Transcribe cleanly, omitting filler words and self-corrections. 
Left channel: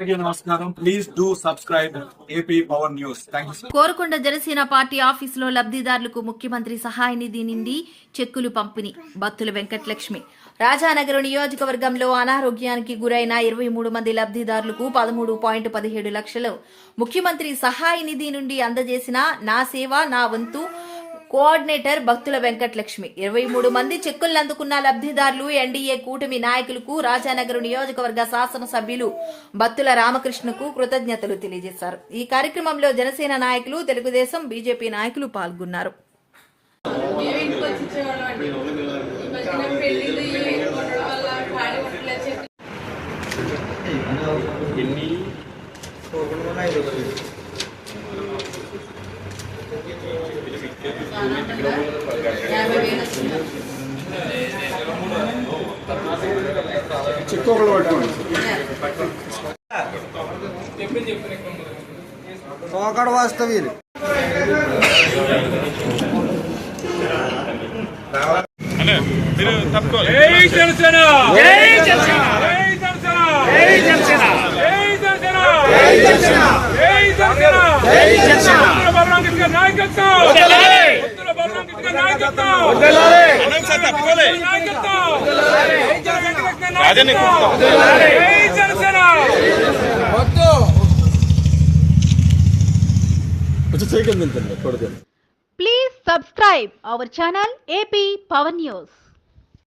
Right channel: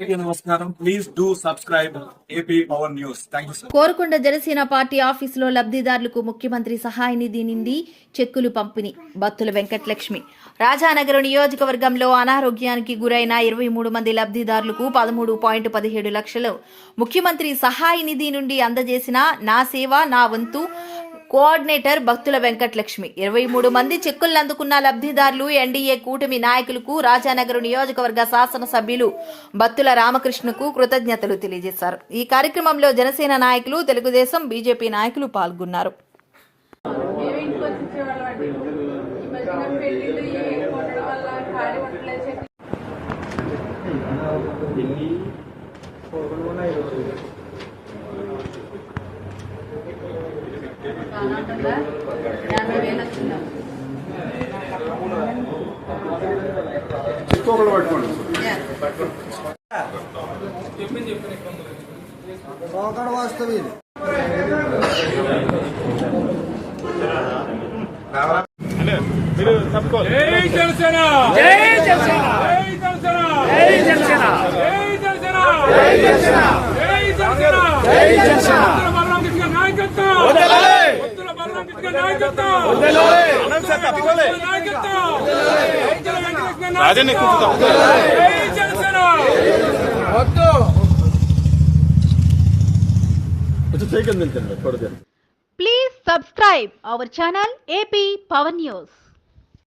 నమస్కారం. Please do subscribe AP power news. Thank you sir. Korukonda Janasena party ఆఫీసులో లబ్ధిదారులకు ముఖ్యమంత్రి సహాయ నిధి నుండి చెక్కులు పంపిణీ. బత్తుల వెంకటలక్ష్మి. రాజానగరం నియోజకవర్గంలో అనారోగ్యానికి గురైన 23 మంది లబ్ధిదారులకు 13.17 లక్షలు ముఖ్యమంత్రి సహాయ నిధి నుండి అందజేసిన నా సేవ నా వంతు కోఆర్డినేటర్ బత్తుల వెంకటలక్ష్మి. 23 మంది చెక్కులను అందుకున్న లబ్ధిదారులు ఎన్డీఏ కూటమి నాయకులకు రాజానగరం నియోజకవర్గ శాసనసభ్యులు బత్తుల రామకృష్ణకు కృతజ్ఞతలు తెలియజేశారు. ఈ కార్యక్రమంలో జనసేన నాయకులు, తెలుగుదేశం, బీజేపీ నాయకులు పాల్గొన్నారు. వాస్తవి మీరు తప్పుకోవాలి. Please subscribe our channel AP Power News.